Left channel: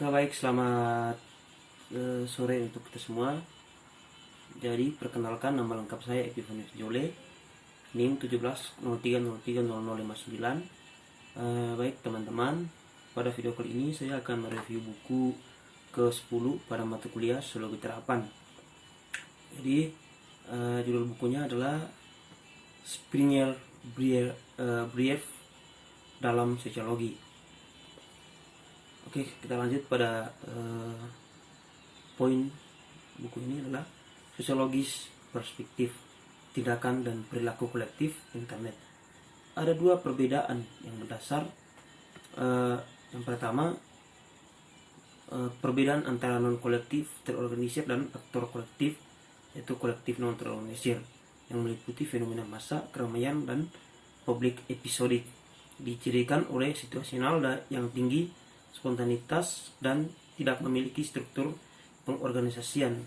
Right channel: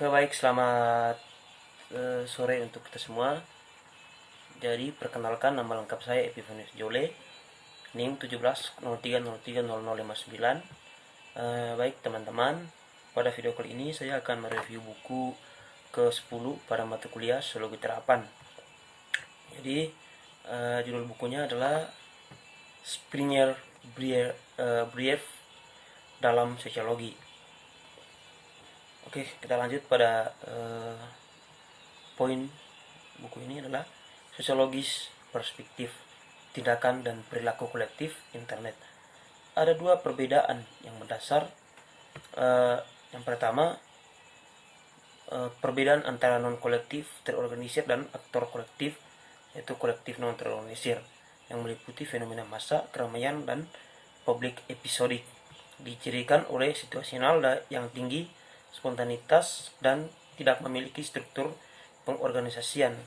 Oke, baik, selamat sore untuk kita semua. Jadi, perkenalkan, nama lengkap saya Epifanius Jole, NIM 1703030059. Baik teman-teman, pada video kali ini saya akan mereview buku ke-10 pada mata kuliah Sosiologi Terapan. Jadi, judul bukunya adalah Springer Brief dalam Sosiologi. Oke, kita lanjut pada poin buku ini adalah sosiologis perspektif tindakan dan perilaku kolektif internet. Ada dua perbedaan yang mendasar. Yang pertama, perbedaan antara non kolektif terorganisir dan aktor kolektif, yaitu kolektif non terorganisir, yang meliputi fenomena massa, keramaian, dan publik episodik, dicirikan oleh situasional yang tinggi, spontanitas, dan tidak memiliki struktur pengorganisasian,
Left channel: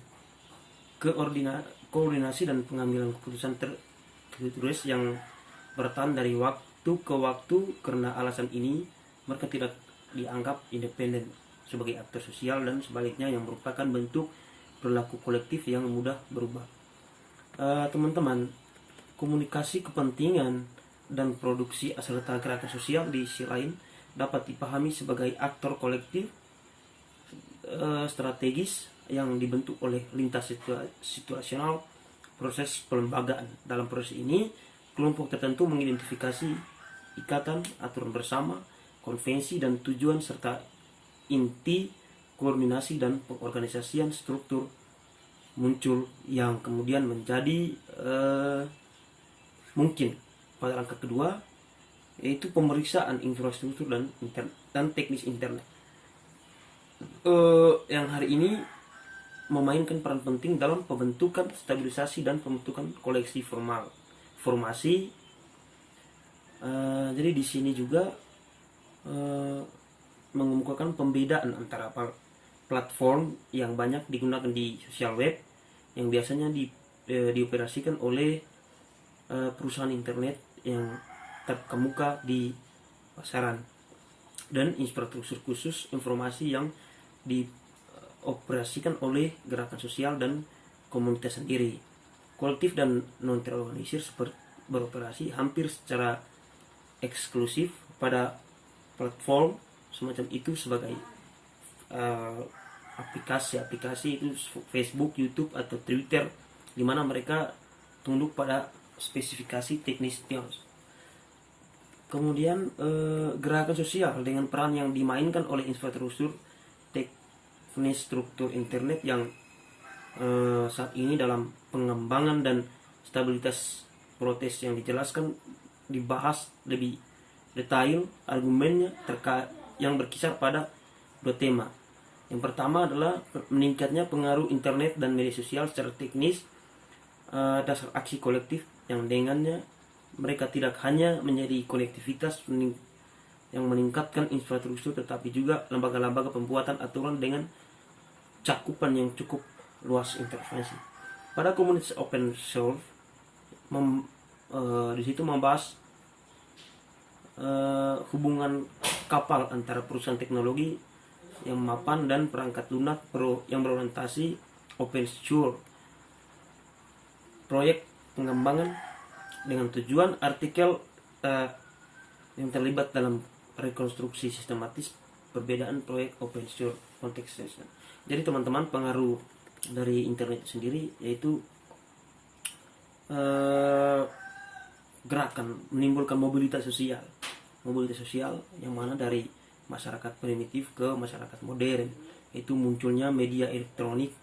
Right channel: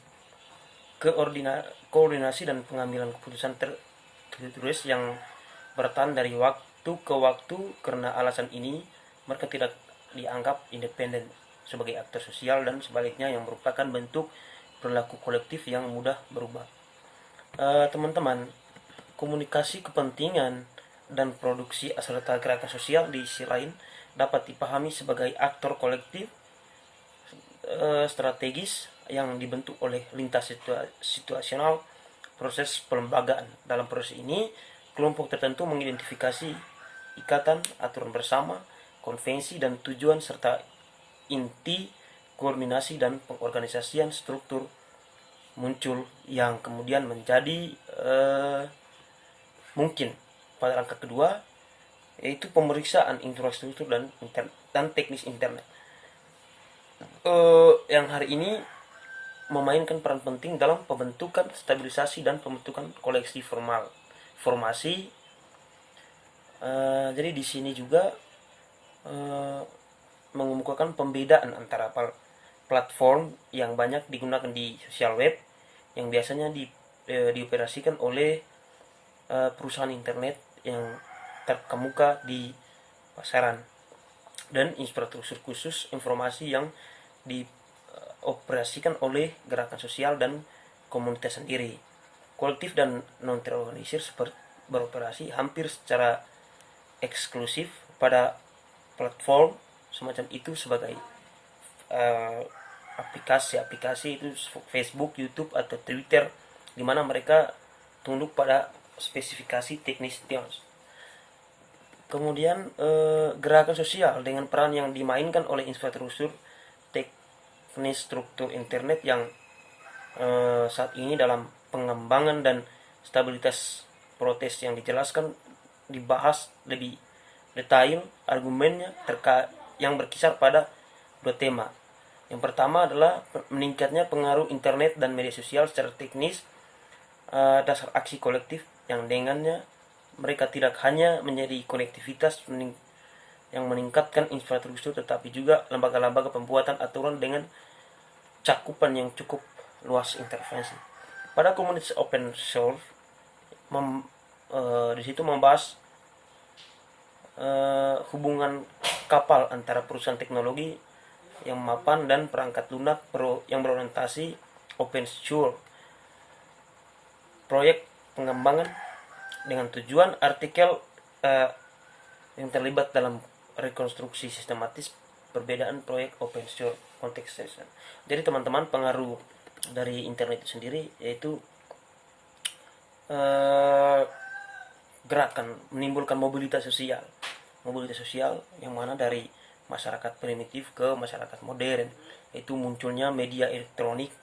koordinasi dan pengambilan keputusan tertulis yang bertahan dari waktu ke waktu. Karena alasan ini, mereka tidak dianggap independen sebagai aktor sosial, dan sebaliknya yang merupakan bentuk perilaku kolektif yang mudah berubah. Teman-teman, komunikasi kepentingan dan produksi serta gerakan sosial di sisi lain dapat dipahami sebagai aktor kolektif strategis yang dibentuk oleh lintas situasional proses pelembagaan. Dalam proses ini, kelompok tertentu mengidentifikasi ikatan, aturan bersama, konvensi, dan tujuan serta inti koordinasi dan pengorganisasian struktur muncul yang kemudian menjadi mungkin. Pada langkah kedua, yaitu pemeriksaan infrastruktur dan teknis internet, yang hari ini memainkan peran penting dalam pembentukan, stabilisasi, dan pembentukan koleksi formasi. Jadi di sini juga mengemukakan pembedaan antara platform yang banyak digunakan di sosial web, yang biasanya dioperasikan oleh perusahaan internet yang terkemuka di pasaran, dan infrastruktur khusus informasi yang dioperasikan oleh gerakan sosial dan komunitas sendiri. Kolektif dan non terorganisir beroperasi hampir secara eksklusif pada platform semacam itu sebagai aplikasi itu Facebook, YouTube, atau Twitter, di mana mereka tunduk pada spesifikasi teknis. Kemudian gerakan sosial dengan peran yang dimainkan oleh infrastruktur teknis struktur internet yang saat ini dalam pengembangan dan stabilitas proses yang dijelaskan dibahas lebih detail. Argumennya yang berkisar pada dua tema. Yang pertama adalah meningkatnya pengaruh internet dan media sosial secara teknis, dasar aksi kolektif yang dengannya mereka tidak hanya menjadi konektivitas yang meningkatkan infrastruktur, tetapi juga lembaga-lembaga pembuatan aturan dengan cakupan yang cukup luas intervensi. Pada komunitas open source, di situ membahas hubungan kapal antara perusahaan teknologi yang mapan dan perangkat lunak yang berorientasi open source, proyek pengembangan dengan tujuan artikel yang terlibat dalam rekonstruksi sistematis perbedaan proyek open source konteks. Jadi teman-teman, pengaruh dari internet itu sendiri yaitu gerakan menimbulkan mobilitas sosial yang mana dari masyarakat primitif ke masyarakat modern, yaitu munculnya media elektronik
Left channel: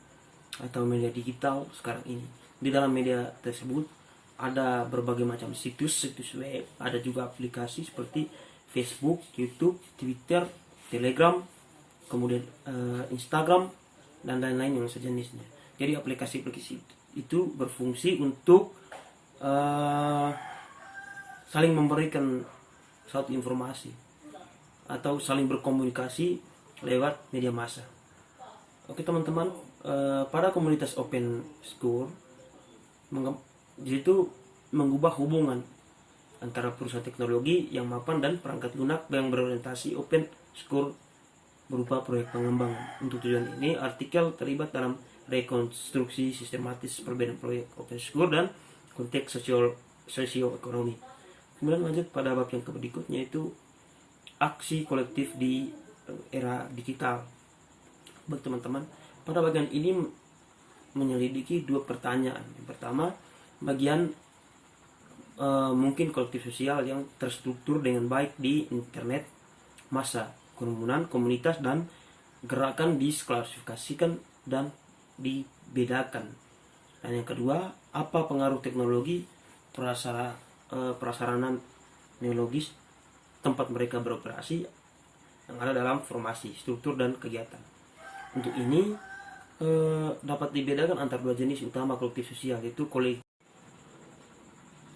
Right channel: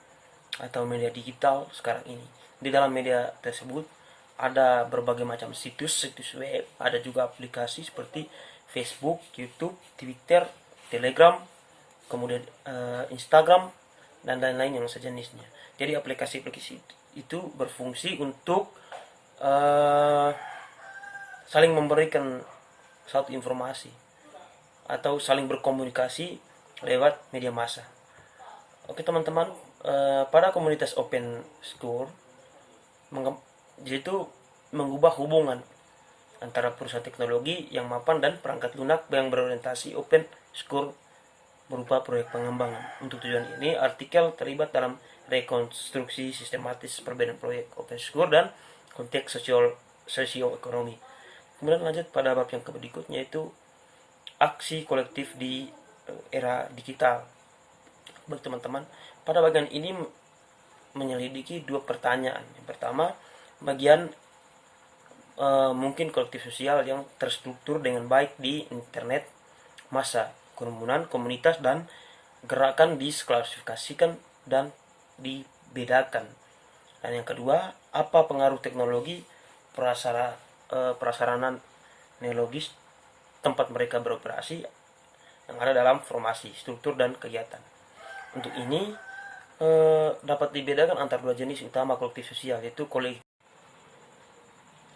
atau media digital sekarang ini. Di dalam media tersebut ada berbagai macam situs web, ada juga aplikasi seperti Facebook, YouTube, Twitter, Telegram, kemudian Instagram, dan lain-lain yang sejenisnya. Jadi aplikasi-aplikasi itu berfungsi untuk saling memberikan satu informasi atau saling berkomunikasi lewat media massa. Oke teman-teman, pada komunitas open school yaitu mengubah hubungan antara perusahaan teknologi yang mapan dan perangkat lunak yang berorientasi open source berupa proyek pengembangan. Untuk tujuan ini, artikel terlibat dalam rekonstruksi sistematis perbedaan proyek open source dan konteks sosioekonomi. Kemudian lanjut pada bab yang berikutnya, yaitu aksi kolektif di era digital. Baik teman-teman, pada bagian ini menyelidiki dua pertanyaan. Yang pertama, bagian mungkin kolektif sosial yang terstruktur dengan baik di internet, massa, kerumunan, komunitas, dan gerakan diklasifikasikan dan dibedakan. Dan yang kedua, apa pengaruh teknologi prasarana neologis tempat mereka beroperasi yang ada dalam formasi, struktur, dan kegiatan. Untuk ini dapat dibedakan antara dua jenis utama kolektif sosial, yaitu kolektif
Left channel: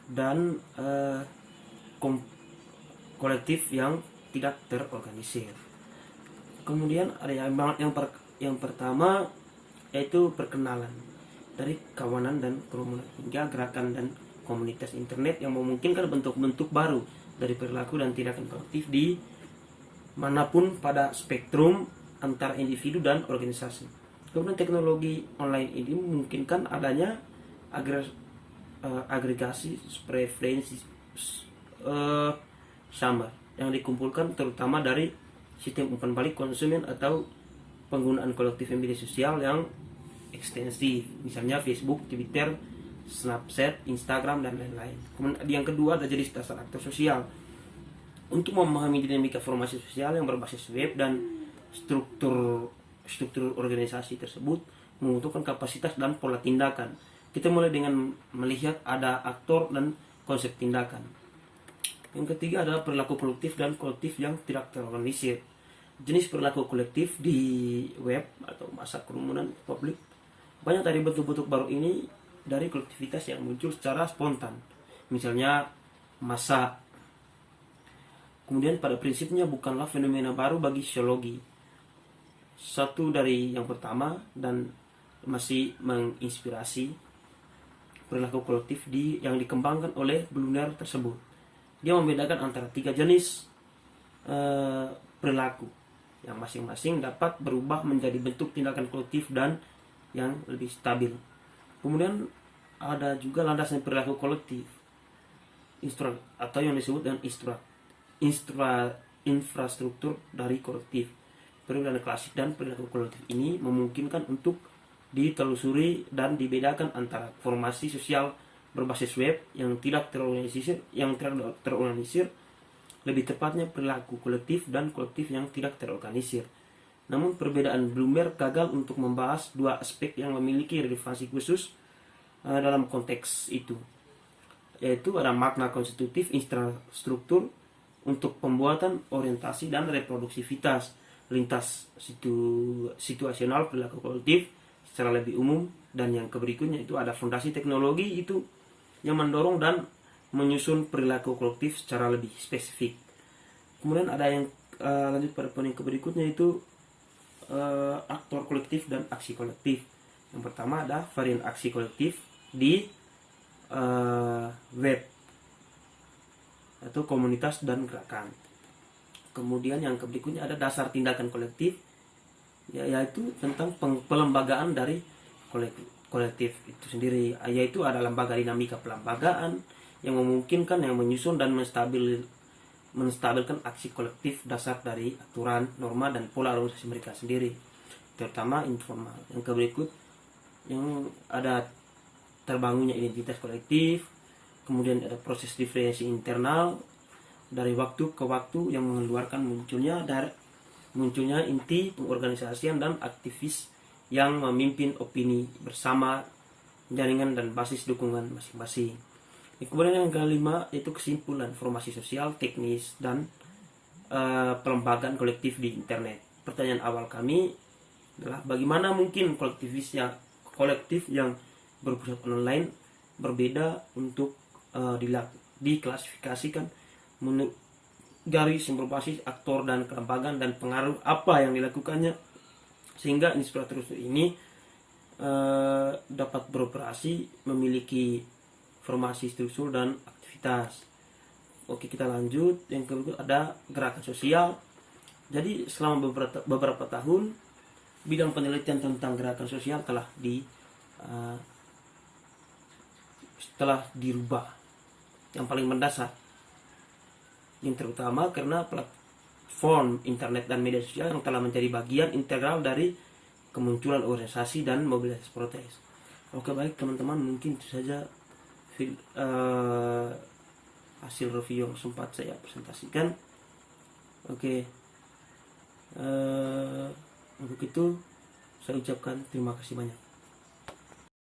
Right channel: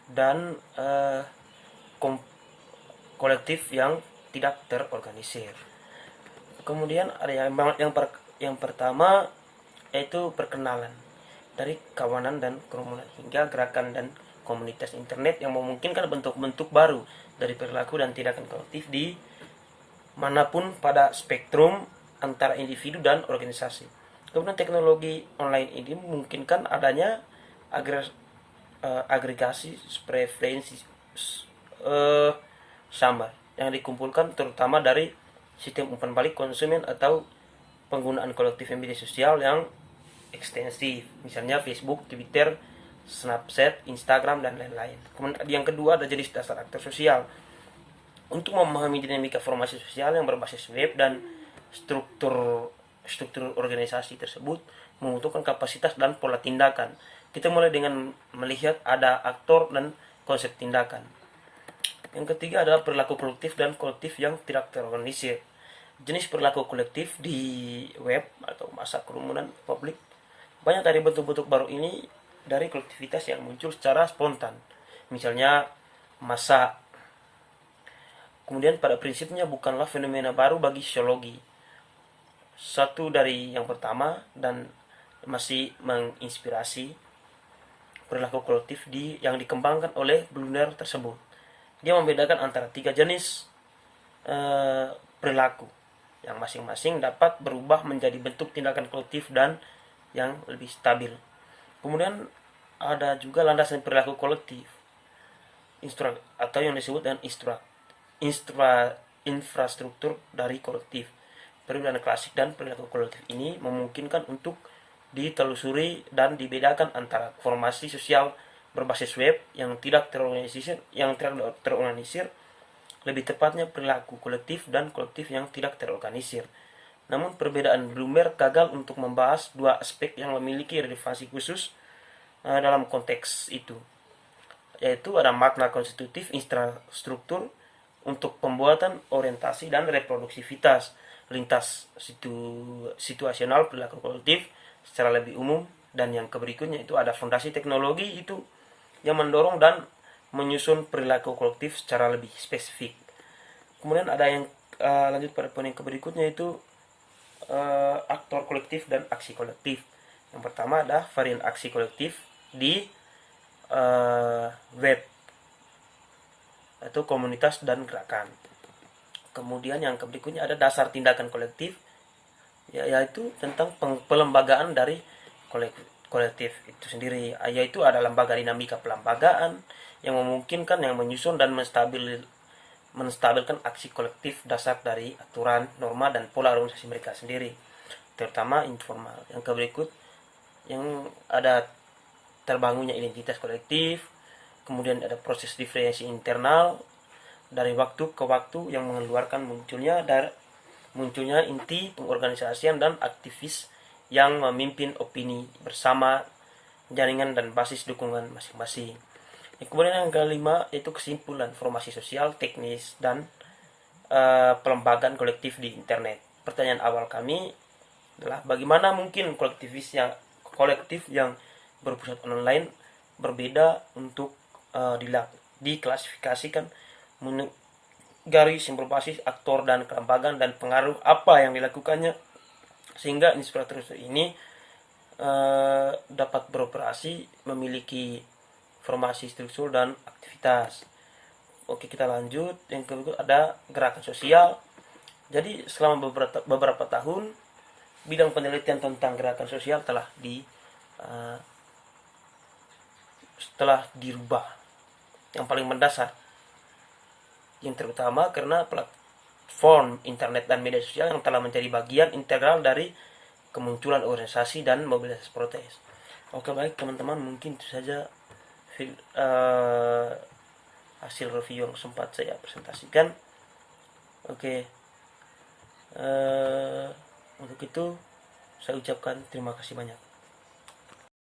dan kolektif yang tidak terorganisir. Kemudian ada yang pertama, yaitu perkenalan dari kawanan dan kerumunan hingga gerakan dan komunitas internet yang memungkinkan bentuk-bentuk baru dari perilaku dan tindakan kolektif di manapun pada spektrum antara individu dan organisasi. Kemudian teknologi online ini memungkinkan adanya agregasi preferensi sama yang dikumpulkan terutama dari sistem umpan balik konsumen atau penggunaan kolektif media sosial yang ekstensif, misalnya Facebook, Twitter, Snapchat, Instagram, dan lain-lain. Kemudian yang kedua ada jenis dasar aktor sosial. Untuk memahami dinamika formasi sosial yang berbasis web dan struktur organisasi tersebut membutuhkan kapasitas dan pola tindakan. Kita mulai dengan melihat ada aktor dan konsep tindakan. Yang ketiga adalah perilaku kolektif dan kolektif yang tidak terorganisir. Jenis perilaku kolektif di web atau massa kerumunan publik. Banyak dari bentuk-bentuk baru ini dari kolektivitas yang muncul secara spontan. Misalnya massa. Kemudian pada prinsipnya bukanlah fenomena baru bagi sosiologi. Satu dari yang pertama dan masih menginspirasi perilaku kolektif yang dikembangkan oleh Blunder tersebut. Dia membedakan antara tiga jenis perilaku yang masing-masing dapat berubah menjadi bentuk tindakan kolektif dan yang lebih stabil. Kemudian ada juga landasan perilaku kolektif atau yang disebut dengan infrastruktur dari kolektif. Perbedaan klasik dan perilaku kolektif ini memungkinkan untuk ditelusuri dan dibedakan antara formasi sosial berbasis web yang tidak terorganisir, lebih tepatnya perilaku kolektif dan kolektif yang tidak terorganisir. Namun perbedaan Bloomberg gagal untuk membahas dua aspek yang memiliki relevansi khusus dalam konteks itu, yaitu ada makna konstitutif infrastruktur untuk pembuatan orientasi dan reproduksivitas lintas situasional perilaku kolektif secara lebih umum, dan yang berikutnya itu ada fondasi teknologi itu yang mendorong dan menyusun perilaku kolektif secara lebih spesifik. Kemudian ada yang lanjut pada poin yang berikutnya, itu aktor kolektif dan aksi kolektif. Yang pertama ada varian aksi kolektif di web atau komunitas dan gerakan. Kemudian yang berikutnya ada dasar tindakan kolektif, yaitu tentang pelembagaan dari kolektif itu sendiri, yaitu ada lembaga dinamika pelembagaan yang memungkinkan yang menyusun dan menstabilkan aksi kolektif dasar dari aturan, norma, dan pola organisasi mereka sendiri, terutama informal. Yang berikut yang ada terbangunnya identitas kolektif, kemudian ada proses diferensiasi internal dari waktu ke waktu yang mengeluarkan munculnya inti pengorganisasian dan aktivis yang memimpin opini bersama jaringan dan basis dukungan masing-masing. Kemudian yang kelima yaitu kesimpulan formasi sosial, teknis, dan pelembagaan kolektif di internet. Pertanyaan awal kami adalah bagaimana mungkin kolektif yang berpusat online berbeda untuk diklasifikasikan menurut garis yang berbasis aktor dan kelembagaan dan pengaruh apa yang dilakukannya sehingga infrastruktur ini dapat beroperasi, memiliki formasi struktur dan aktivitas. Oke, kita lanjut. Yang kedua ada gerakan sosial. Jadi selama beberapa tahun bidang penelitian tentang gerakan sosial telah dirubah yang paling mendasar, yang terutama karena platform internet dan media sosial yang telah menjadi bagian integral dari kemunculan organisasi dan mobilisasi protes. Oke, baik teman-teman, mungkin itu saja hasil review yang sempat saya presentasikan. Oke, untuk itu saya ucapkan terima kasih banyak.